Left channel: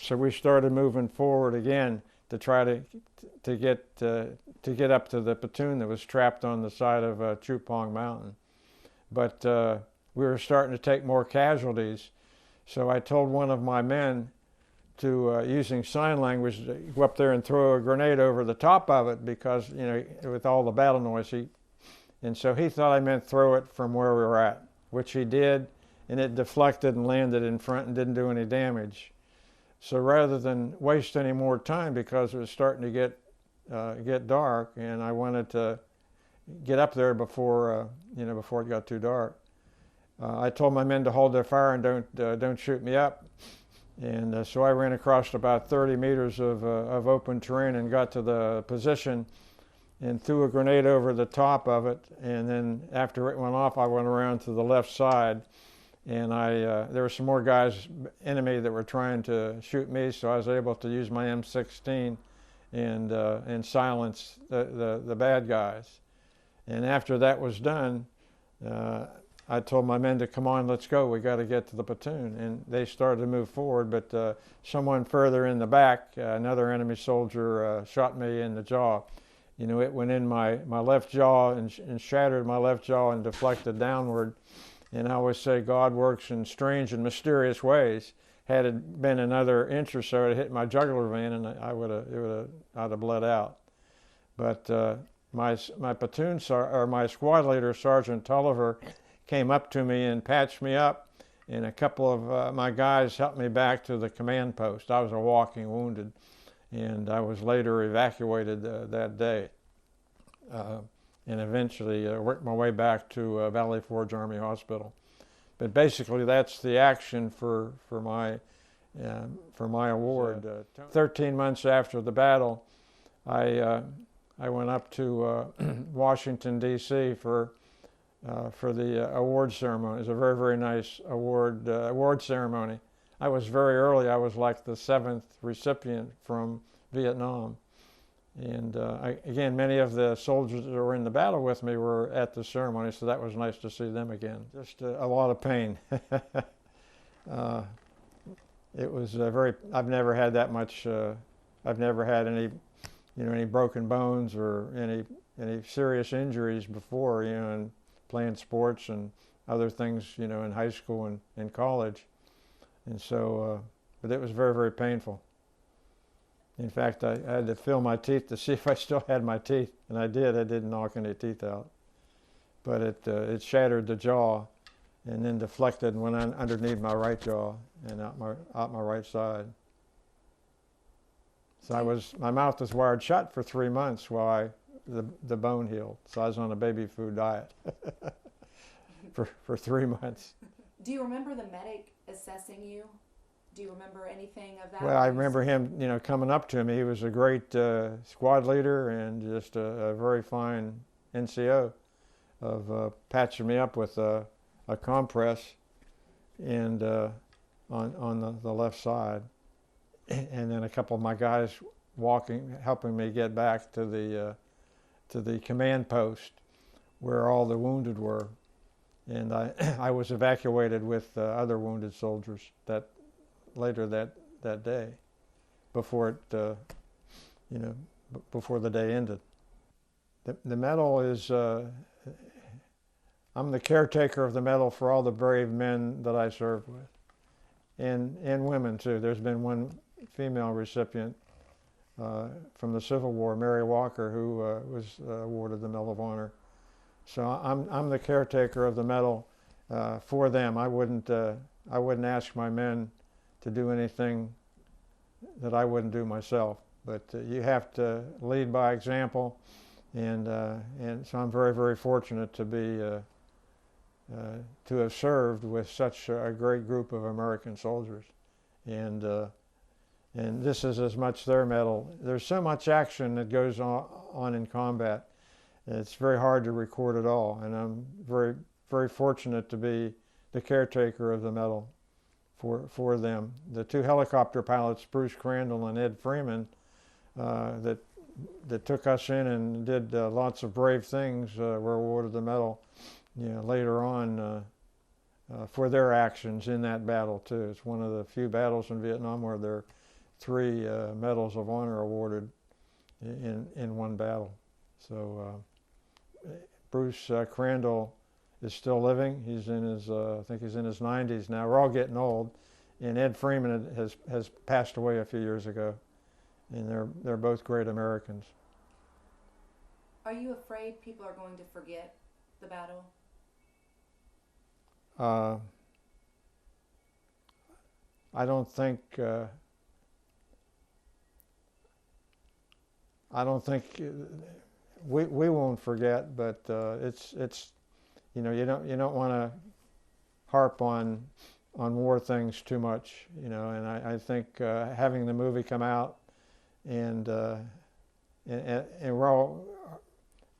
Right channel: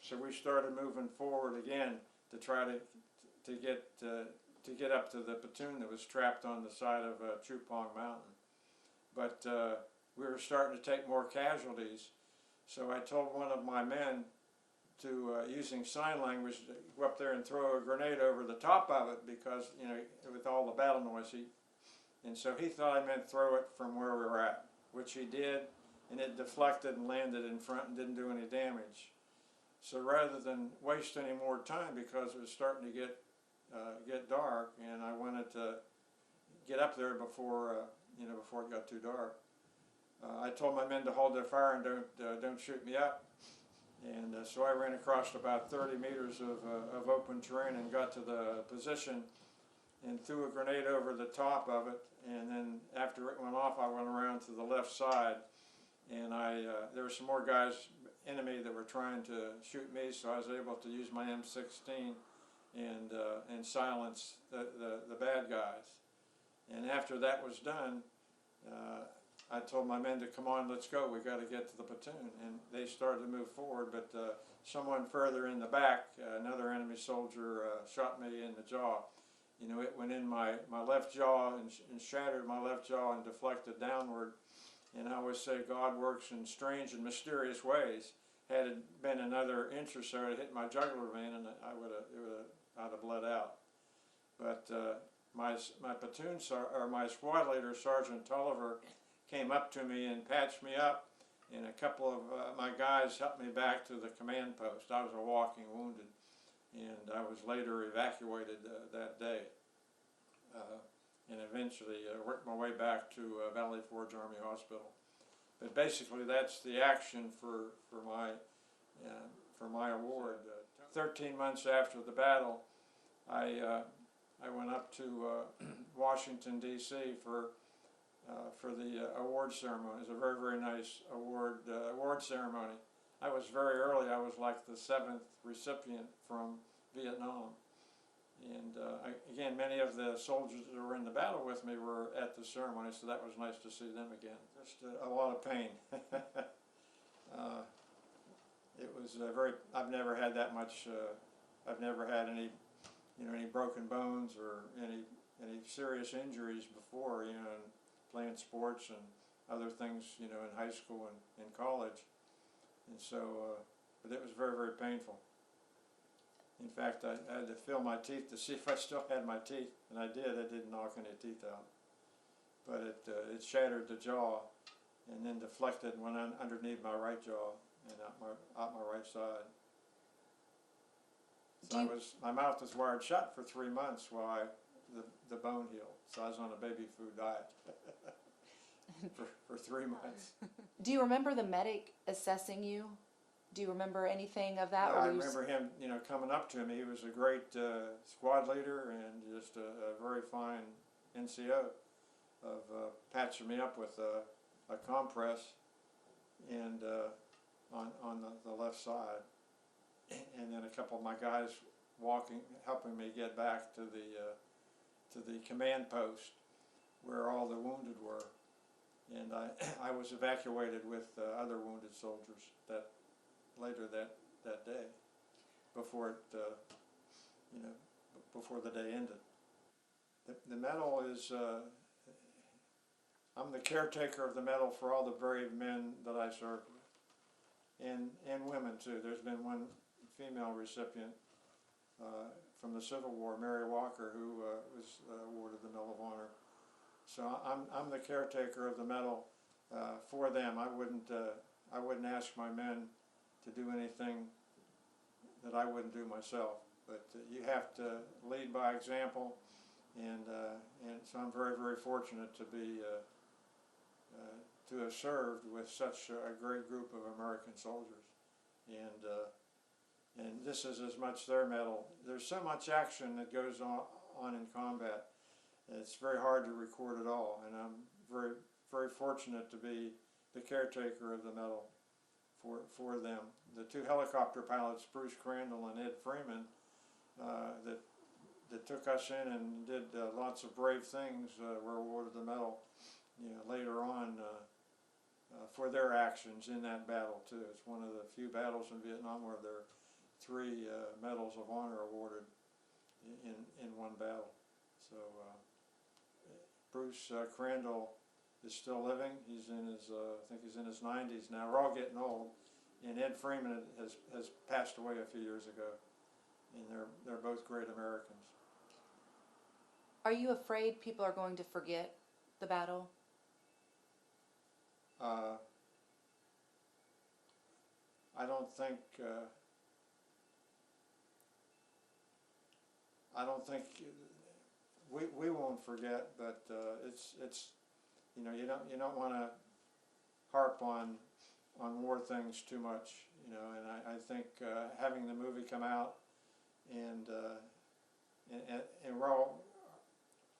So we started moving forward again to try to get up to the platoon that was trapped on the side of Chupong Mountain. But we were starting to take more casualties. So I told one of my men to, using sign language, to go up there and throw a grenade over the top of it because, with all the battle noise. And so he thought I meant throw it from where we were at, which he did, and it deflected and landed in front and didn't do any damage. So rather than waste any more time, because it was starting to get dark, and I wanted to get up there before before it got too dark, I told my men to hold their fire and don't shoot me up. And so I ran across about 30 meters of open terrain and got to the position and threw a grenade over the top of it. And then after it went off, I went around to the left side, and there were some more guys, enemy, that were trying to shoot me, so I was able to use my M16 and silence the bad guys. And after that was done, I told my men to come on, let's go, we got to get to the platoon. And they started to move forward, but someone further in the back, another enemy soldier, shot me in the jaw. It went in my left jaw and shattered my left jaw and deflected downward. And I always say God works in strange and mysterious ways. Had it been another inch or so, it hit my jugular vein, and I'd have bled out. But my platoon or my squad leader, Sergeant Tulliver, came up to me and patched me up, and a couple of my guys helped me back to the command post. I was a walking wounded, and I was later evacuated that day, and eventually worked my way back to Valley Forge Army Hospital. But basically, that's the action for my award. 13 months after the battle, I went up to Washington D.C. for the award ceremony. It was a very, very nice award ceremony. I was very early. I was like the 7th recipient from Vietnam. And again, many of the soldiers that were in the battle with me were at the ceremony, so that was nice to see them again. Just a lot of pain. It was I've never had that much, I've never had any broken bones or any serious injuries before, and playing sports and other things, in high school and in college. And so, but it was very, very painful. In fact, I had to feel my teeth to see if I still had my teeth, and I did. I didn't knock any teeth out. But it shattered the jaw and then deflected and went underneath my right jaw and out my right side. So my mouth was wired shut for 3 months while the bone healed. So I was on a baby food diet for 3 months. Do you remember the medic assessing you? Do you remember anything of that? Well, I remember him, coming up to me. He was a great squad leader and just a very fine NCO of patching me up with a compress and on the left side. And then a couple of my guys helping me get back to the command post where all the wounded were. And I was evacuated with other wounded soldiers later that day, before before the day ended. The medal is, I'm the caretaker of the medal for all the brave men that I served with, and women too. There's been one female recipient from the Civil War, Mary Walker, who was awarded the Medal of Honor. So I'm the caretaker of the medal for them. I wouldn't ask my men to do anything that I wouldn't do myself. But you have to lead by example, and so I'm very, very fortunate to have served with such a great group of American soldiers, and this is as much their medal. There's so much action that goes on in combat. It's very hard to record it all, and I'm very, very fortunate to be the caretaker of the medal for them. The two helicopter pilots, Bruce Crandall and Ed Freeman, that took us in and did lots of brave things, were awarded the medal later on for their actions in that battle too. It's one of the few battles in Vietnam where three medals of honor awarded in one battle. So Bruce Crandall is still living. He's in his, I think he's in his 90s now. We're all getting old. And Ed Freeman has passed away a few years ago. And they're both great Americans. Are you afraid people are going to forget the battle? I don't think we won't forget, but it's you know, you don't want to harp on war things too much, you know. And I think having the movie come out and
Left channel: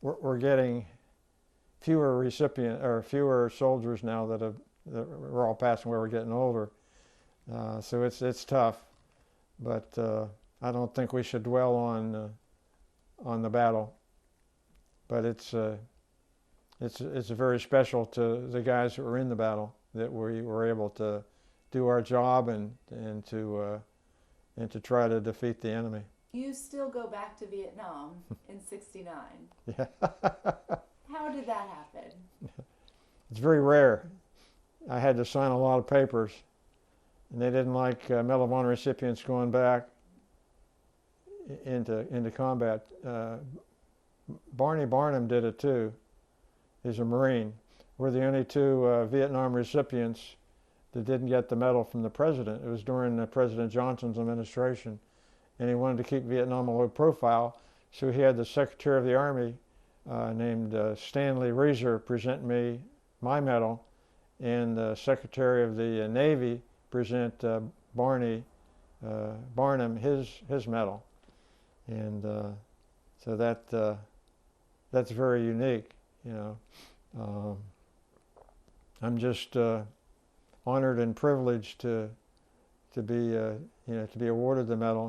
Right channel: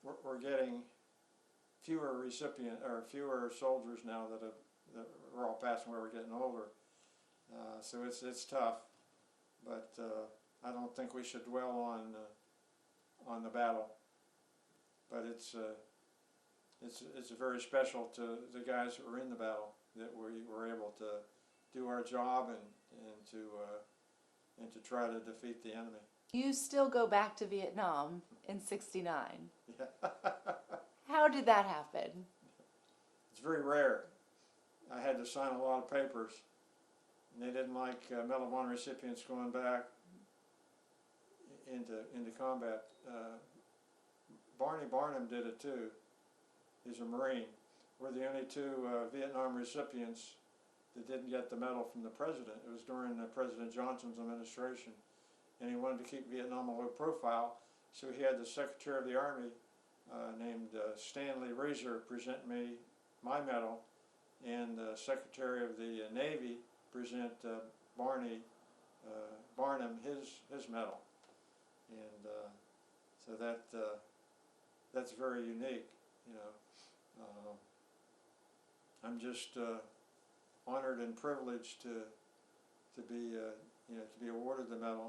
we're getting fewer fewer soldiers now that we're all passing away. We're getting older, so it's tough. But I don't think we should dwell on the battle. But it's very special to the guys that were in the battle that we were able to do our job and to try to defeat the enemy. You still go back to Vietnam in '69. Yeah. How did that happen? It's very rare. I had to sign a lot of papers, and they didn't like Medal of Honor recipients going back into combat. Barney Barnum did it too. He's a Marine. We're the only two Vietnam recipients that didn't get the medal from the president. It was during President Johnson's administration, and he wanted to keep Vietnam a low profile, so he had the Secretary of the Army named Stanley Reeser present me my medal, and the Secretary of the Navy present Barney Barnum his medal, and so that's very unique, you know. I'm just honored and privileged to be awarded the medal.